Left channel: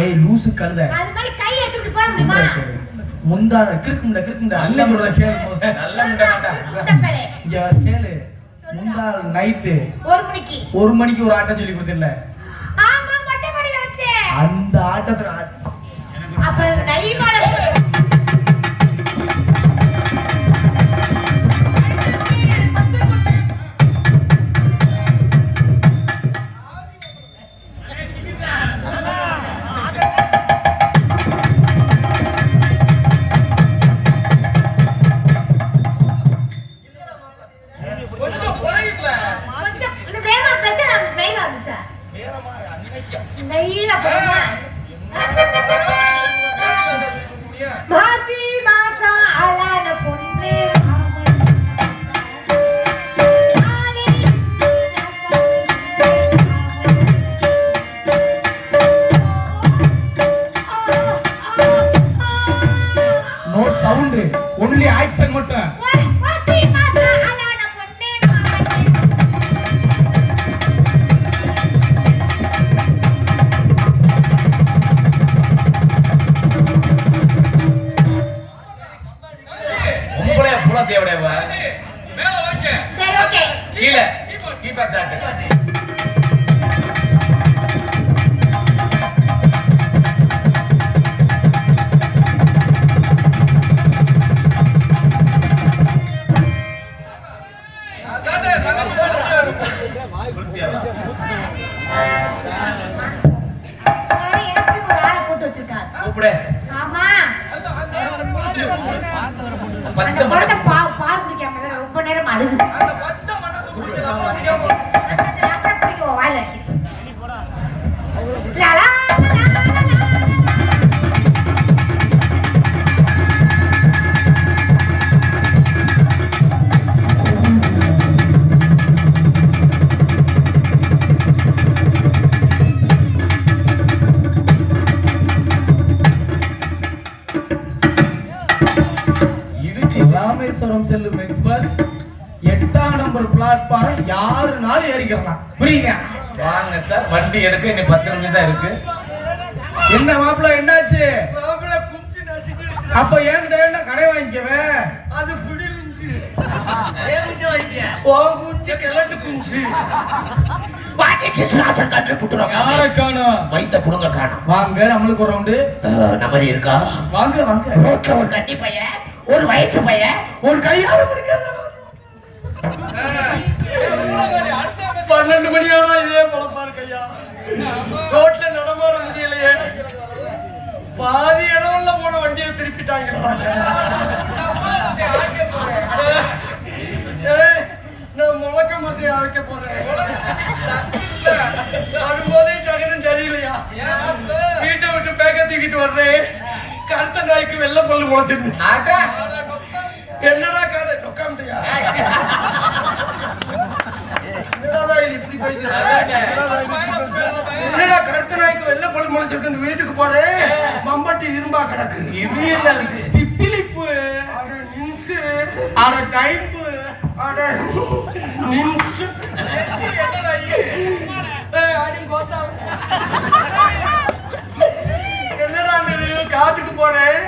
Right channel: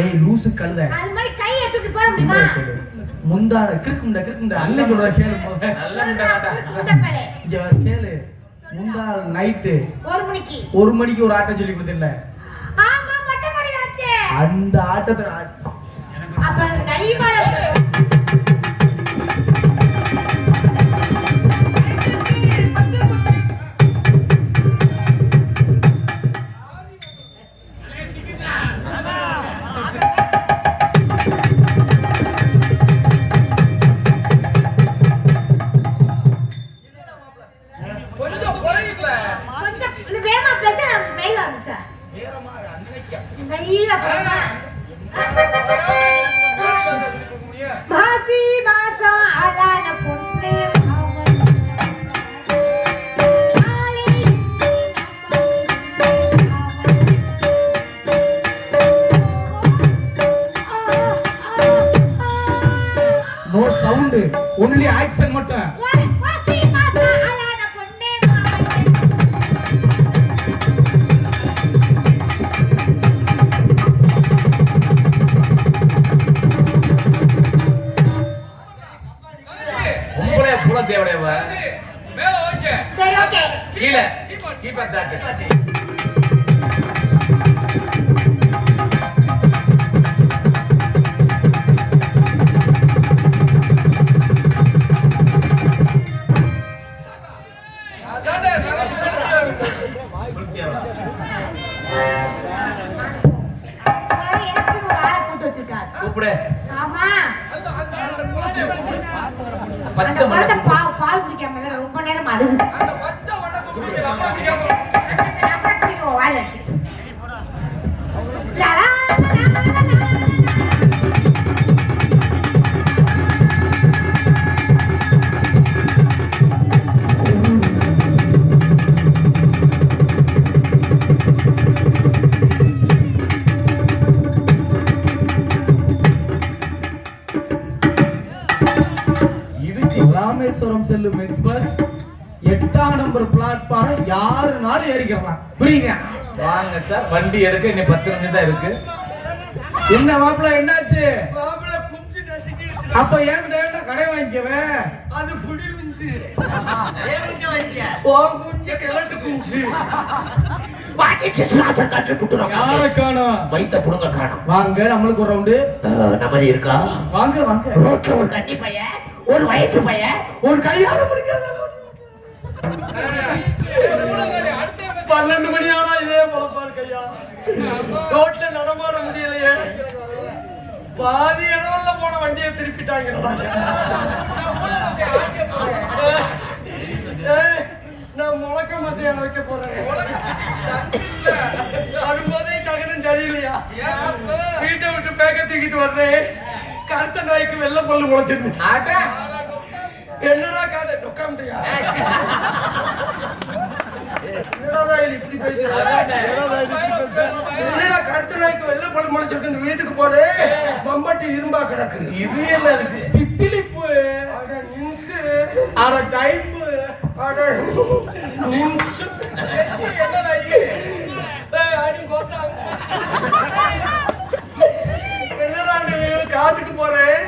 ஏய் லூசு கழுத. அது மாதிரி கையை தூக்கி போட முடியுமா? முந்தா கிறுக்கும்டா அண்ணன் சொல்ற கேளு. நல்ல முண்டா இங்க கேளு. முந்தா நைட்டு 1 மணிக்கு ஒரு ஆட்டம் சொல்லி கொடுத்தேன்ல. ஆமா மொட்டை மணி வச்சே. அந்த ஆட்டத்துல அப்ப நைவால only action மட்டும். உங்களே புல தேவடேவா மேல ஓகே சரி ஓகே கீழ கீப்பர் சாட் பால் குடிக்காம ரொம்ப நேரம் அழுகுது. ராமேஸ்வரம் செல்லும் எக்ஸ்பிரஸ் 8ஆம் நம்பர் பிளாட்பாரம் யாருனாலும் ஏறிக்கலாம். புரியுங்க? வாங்க சார், வண்டி எடுக்க இன்னும் 10 நிமிஷம் தான் இருக்கு. என்ன மாப்பிள்ள என்னாச்சு? மாப்பிள்ள குச்சி நசிக்கிடுச்சு. அப்ப என்கிட்ட என்ன கடை வாங்கிக்கவே? அது புடி குச்சி. ஏன் குச்சி வாங்கிக்க? ஓ குச்சி கிழட்டு குச்சி. வாடிச்சு சுராஜன் கண்ணு புட்டுறாங்க. யாரை காணோம்? வைத்த புடுங்க காணோம். வாங்க நம்மளுக்கு ஒரு ரவுண்டு. நமரி இருக்கா? வாங்க வாங்க. ரோட்ல ஒரு கண்ணி பையன், ஒரு வயசு பையன், ஒரு கல்யாணம் முடிக்காத 12 மணி ஆனா இதே பொழப்பாரு கையா. ரோட்ல நடமாட முடியலையே. பாதி இடவல்ல போன வண்டியை திருப்பிட்டாங்க. நான் முழக்க மசையா வைக்க போறேன். வரும்போதே சகனம் சரியில்லையா? வீட்டை விட்டு பேக்க தூக்கிட்டு வர்றேன். கருத்த நாய்க்கு வெள்ளை பொல்லு முளைச்சிருந்துச்சு. என்னடா கதை சொக்காமட்டியா? இப்படி போயிட்டு கருத்த நாய்க்கு வெள்ளை பொல்லு முளைச்சிருக்கு. வீட்டுக்கு போறேன், மம்பட்டி இரும்பா கிடக்கு. இது என்ன தித்திலிப்பு? அட நிம்சு, அட டைப்பு, அட நிம்சு. என்னடா அடி போத்தா? என்னடா காட்டுக்கு போறேன்,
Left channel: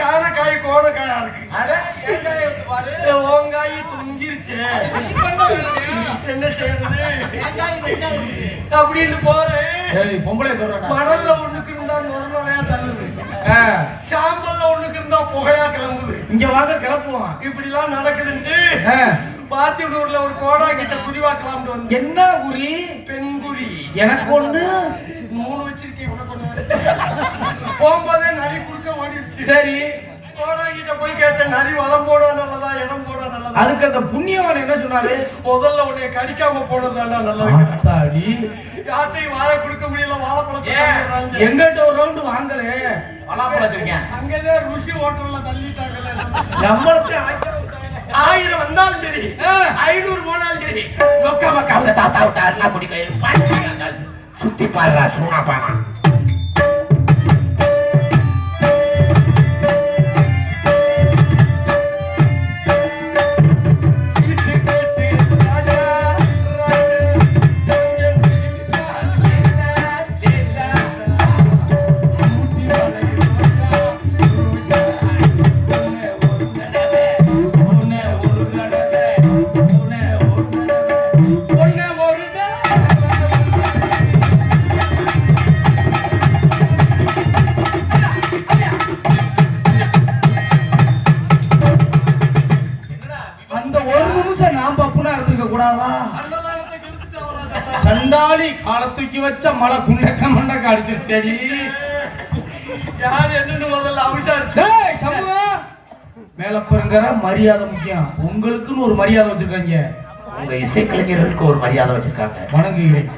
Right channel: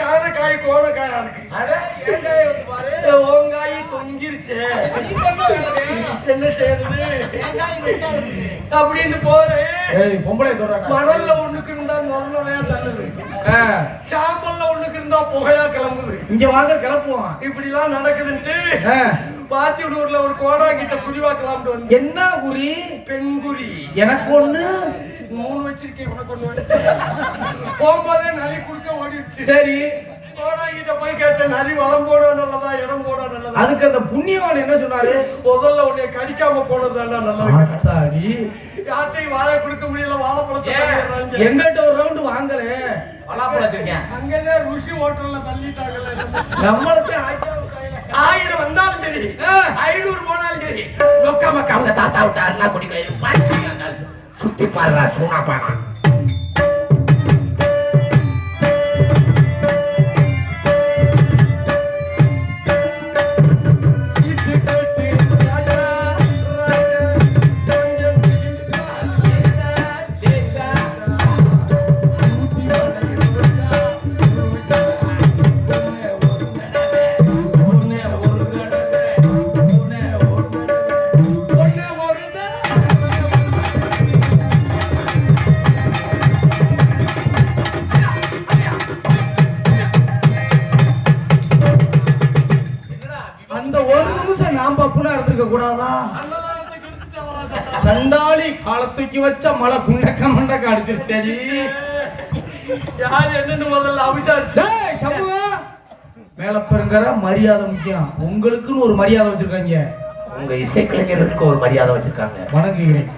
காணக்காய் கோணக்காயா இருக்கு. ஓங்காய் தொங்கிருச்சு. என்ன செய்யறது அப்படின்னு போறேன். மணல்ல ஒண்ணுக்கு இருந்தா நொறையா தள்ளுது, சாம்பல்ல ஒண்ணுக்கு இருந்தா புகையா கிளம்புது. இங்க வாங்க கிளப்புவோம். இப்படி எல்லாம் நடக்குதுன்ட்டு பாத்தியூர்ல ஒரு கோடா கிட்ட குறிவா கிளம்பு வந்து. என்ன குறி? பெண் குறி. எனக்கு ஒண்ணு 3 வச்சிருக்கேன். உனக்கு ஒண்ணு. போகும்போதே நரி குடுக்க ஓடிடுச்சு. சரி, கோடா கிட்ட போய் கேட்டேன், நரி வளம் போட நல்லதா இடம் போட நல்லதா? அதுக்கு அந்த புண்ணியவன் என்ன சொன்னாரு? முதல்ல உன்னை கடிக்காம போனதாண்டா நல்லதா. யார்ட்டையும் வாழை கொடுக்க முடியல. வாழைப்பழத்தை எங்கிட்ட ஒரு ரவுண்டு வாங்கலே. வாழைப்பழம் வச்சிருக்கேன். அங்கதான் ருசி ஹோட்டல்ல தள்ளிட்டாங்கல்ல. நம்மளுக்கு 1000 வந்தாலும் சரி, 500 போனாலும் சரி, நோக்காம அவங்க தாத்தா விட்டா அண்ணா குடிக்க சுத்தி பாடுறா சூனா பானா. ஆளை தூக்கி வச்ச மழை குண்டக்க மண்டக்க அடிச்சிருச்சு. யார் என்னன்னு முதல்ல அவிசாரிச்சு. மேல பாருங்க, மரியாதை முக்கியம். உங்களுக்குன்னு ஒரு மரியாதை வச்சிருக்காங்க. உங்க இசைக்கலைஞர்களுக்கு ஒரு மரியாதை வச்சிருக்காங்க. வணங்குகிறேன்.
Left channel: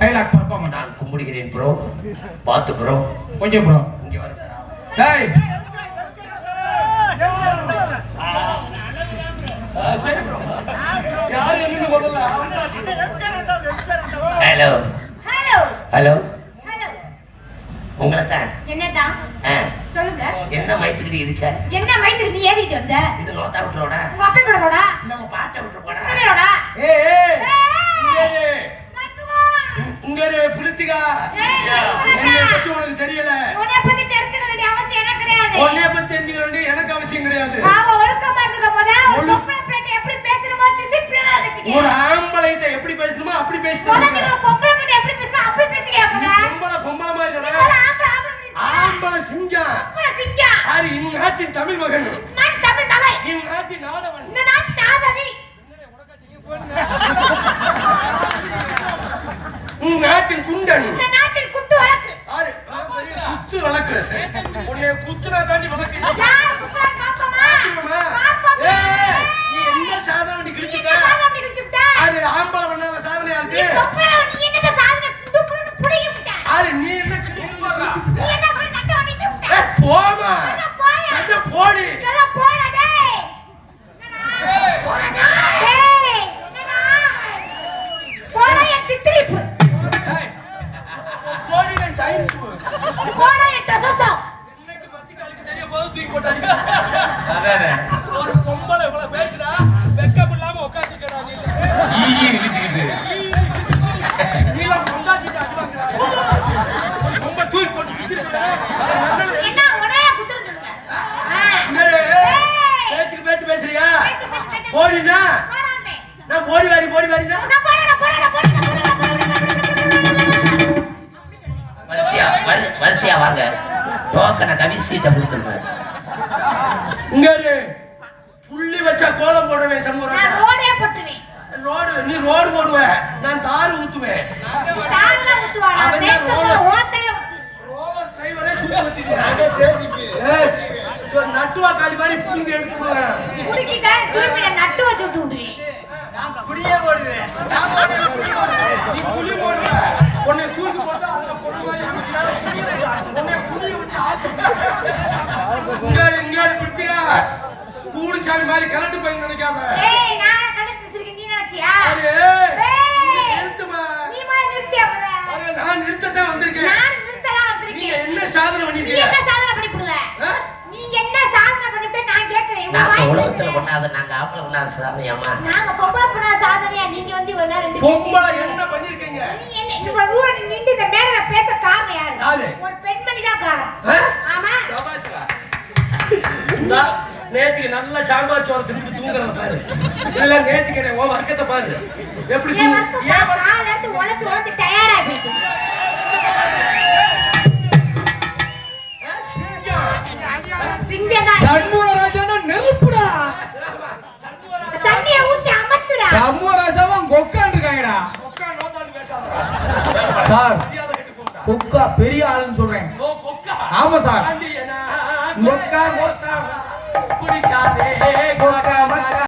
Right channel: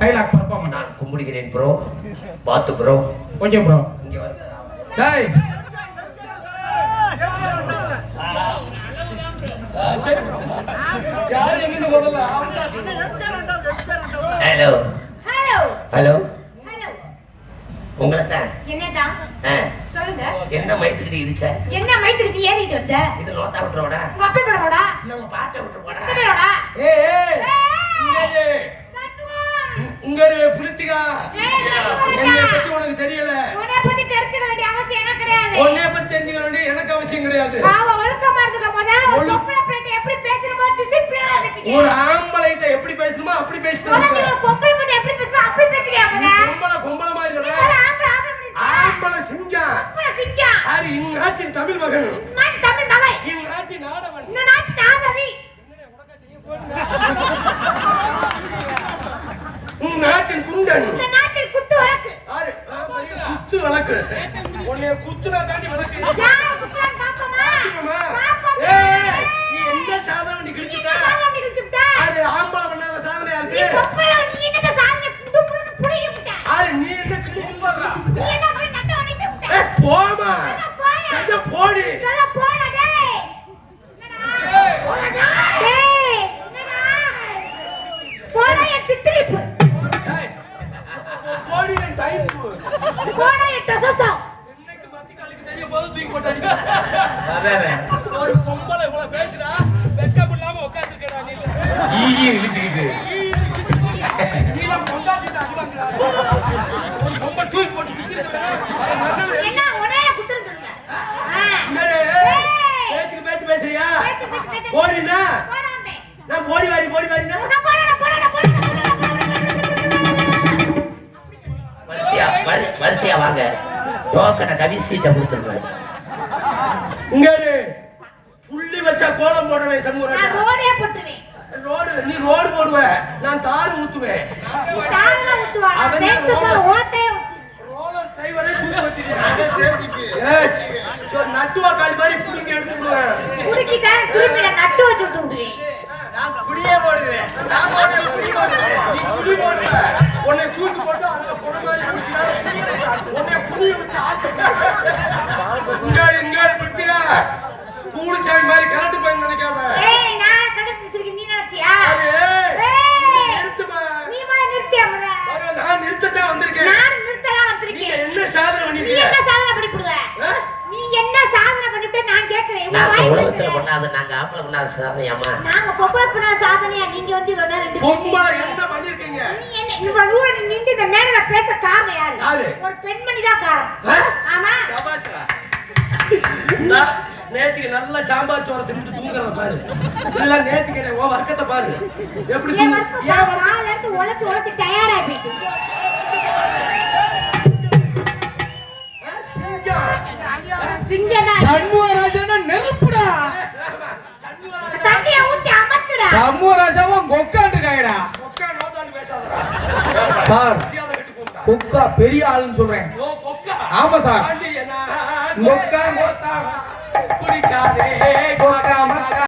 டைலாக் பர்ஃபார்மன்ஸ் நான் கும்பிடுகிறேன் ப்ரோ. பாத்து ப்ரோ. Okay bro. இங்க வா. டேய் சரி ப்ரோ. யார் என்னன்னு முதல்ல அவிசாரிச்சு. Hello hello hello hello. உங்களை தான். என்னதான் சொல்லுங்க. என்ன மைத்துக்கிட்டு இடிச்ச? என்ன வயிற்றுக்கு ஏறிட்டு வந்த? இது நோட்டா விட்டுறோட காப்பி போடறோடா? இல்ல உங்க பாட்ட விட்டுறோட. என்னடா? ஏய் சண்முகம். இங்க பிடித்திகா. என்னை பத்தி உனக்கு தெரியல. உன்னை பத்தி தெரிஞ்சுக்க வேண்டிய அவசியம் எனக்கு கிடையாது. உன்னை பத்தி தெரிஞ்சுக்க வேண்டிய எனக்கு அவசியம் கிடையாது. நாம ஒழுக்கமா இருக்க போதா ஒரு பொம்பளை பிள்ளை எப்படி பேசணுமோ டிசிப்ளினா பேசிக்க. ஒரு ஆம்பளைட்ட எப்படி பேசணுமோ அப்படி பேசிட்டு உனக்கு ஒரு பொம்பளை பிள்ளை எப்படி பேசணும் அப்படி பேசிக்க போதா. பொம்பளை மாதிரி ஒரு இல்ல. ஆம்பளை ஆம்பளை சிங்கம். சிங்கம். யாரு? இந்நாட்டின் தமிழ் மகன். நான் தமிழ் மகன். இந்நாட்டின் ஆடவன். இந்த நாட்டு ஆதவி. இந்நாட்டின் குண்டன். இந்த நாட்டின் குத்து வழக்கு. யாரு? குத்து வழக்கு. உன்னை குத்துனா தாண்டி வழக்கு. யார் குத்துறான் பாப்பமா? பாப்பமா. நீ எந்த சாதனை நீ கிழிச்சிட்ட? சாதனை கிழிச்சிட்ட. அது ஆம்பளை பண்ணாத சாதனையா நீ இருக்கு. பொம்பளை நீ என்ன சாதனை புடுப்புன்னு புடிங்கிட்ட. யாரு? நீ என்ன கிழிச்சு போடுற? நீ என்ன ஒரு நட்டு வண்டிட்டு விட்ட. போமா. கட்ட போடி. எல்லாம் போடா டேய். என்னடா? டேய் என்னடா? போடா என் தித்திரிப்பு. போடி என் டைம். போடா என் டசசம். இன்னைக்கு பத்தி கழுக்கு தெரிய போது தூக்கி போட்டாங்க. ஒரு பொம்பளை இவ்வளவு பேசுறா, வெக்கம் இல்லாம உட்கார்ந்துட்டடா நீ. ஈ இழுச்சிக்கிட்டு நீல பொண்டாட்டிட்ட அடிவாங்கடா. ஒரு பொம்பளை தூக்கி போட்டு வித்துறடா. என்ன உடைய குத்துறது சொல்லுங்க. பேச்சுக்கு பேச்சு பேசுறியா? பேச்சு. போடினா? போடாமே. நான் போடி வாரினா? நான் போடா. வரிசையா வாங்க. டோக்கனை கவி சீட்டை கொடுத்துருவேன். இங்க இரு. புள்ளி வச்சா கோலம் போடுறவே நான் சண்முகராஜா. ரோடே போட்டுருவேன். நீ ரோடு போடுவ, நான் தாறு ஊத்துவேன். நீ தாரல ஊத்துவாடா. அவன் தான் பேசுற ரோலர். ஓட்டே ஊத்து. ரோலர் டிரைவரே தூக்கி வச்சிருக்கேன். நட்டுவா காலி மாதிரி புடிங்கி எடுத்து விடுவேன். குடிக்கிட்ட திருப்பி நட்டு வச்சு விட்டு விடுவேன். புடியே போடுவேன். நீ புடி போடுவ. உன்னை தூக்கி போட்டு அதுல போட மாதிரி உன்னை புடி வச்சு ஆச்சு. இங்க பிடிச்சியா? கூடுச்சாமி மாதிரி கரண்ட் போய் நினைக்காத. ஏய் நானே கடுத்து வச்சிருக்கேன் நீ நினைச்சியா? நிறுத்துமா. நீ மாதிரி நிறுத்தியா முத? நான் நிறுத்தத்தான் வந்திருக்கேன். நான் நிறுத்தலாம் நீங்க வந்திருக்கேன். என்ன சாதனை நீ பண்ணிருக்கீங்க? என்ன சாதனை பண்ணிப்புடுவ? நீ என்ன சாதனை பண்ணிட்டு நான் கேக்குறேன். என்ன நாங்க வாய் உலகத்துல பேசுற? கொண்டாத நாங்க ஆம்பளை கொண்டாத சாதனையாமா. நாங்க பொம்பளை பண்ண சாதனையா நீங்க வந்து இவ்வளவு நேரம் ரெண்டு பொம்பளை பேரும் என்ன பண்ணிருக்கீங்க? நீ என்ன இவ்வளவு தூரம் நின்று இந்த மேடையில பேச காரணம் யாரு? யாரு? ஒரு பெண்மணி தான் காரணம். ஆமா. சபாஷா. நேத்துக்கு நல்ல சாம்பார் சோறு தின்னுட்டு தூங்குறத பாரு. இல்ல நேத்துக்கு உன் வர்க்கத்தை பாரு. எப்படி ஏன் தூங்கு? காலையில இருந்து உழைச்சு டயர்டா போயிட்டு. சிங்கம் தான். சண்முகராஜனா நெருப்புடா. தண்ணியை ஊத்தி அமர்த்துடா. சண்முகராஜாவா கொக்காண்டு இருக்காங்கடா. கொக்கா நோதாண்டு பேசாதடா. சார் மரியாதை கெட்டு போடா. கொக்கா பெரிய ஆளுன்னு சொல்றேன். ஓ கொக்கா. ஆமா சார். ஆண்டியனா. கொக்கா கொக்கா குடிக்காதே கொக்கா மக்கா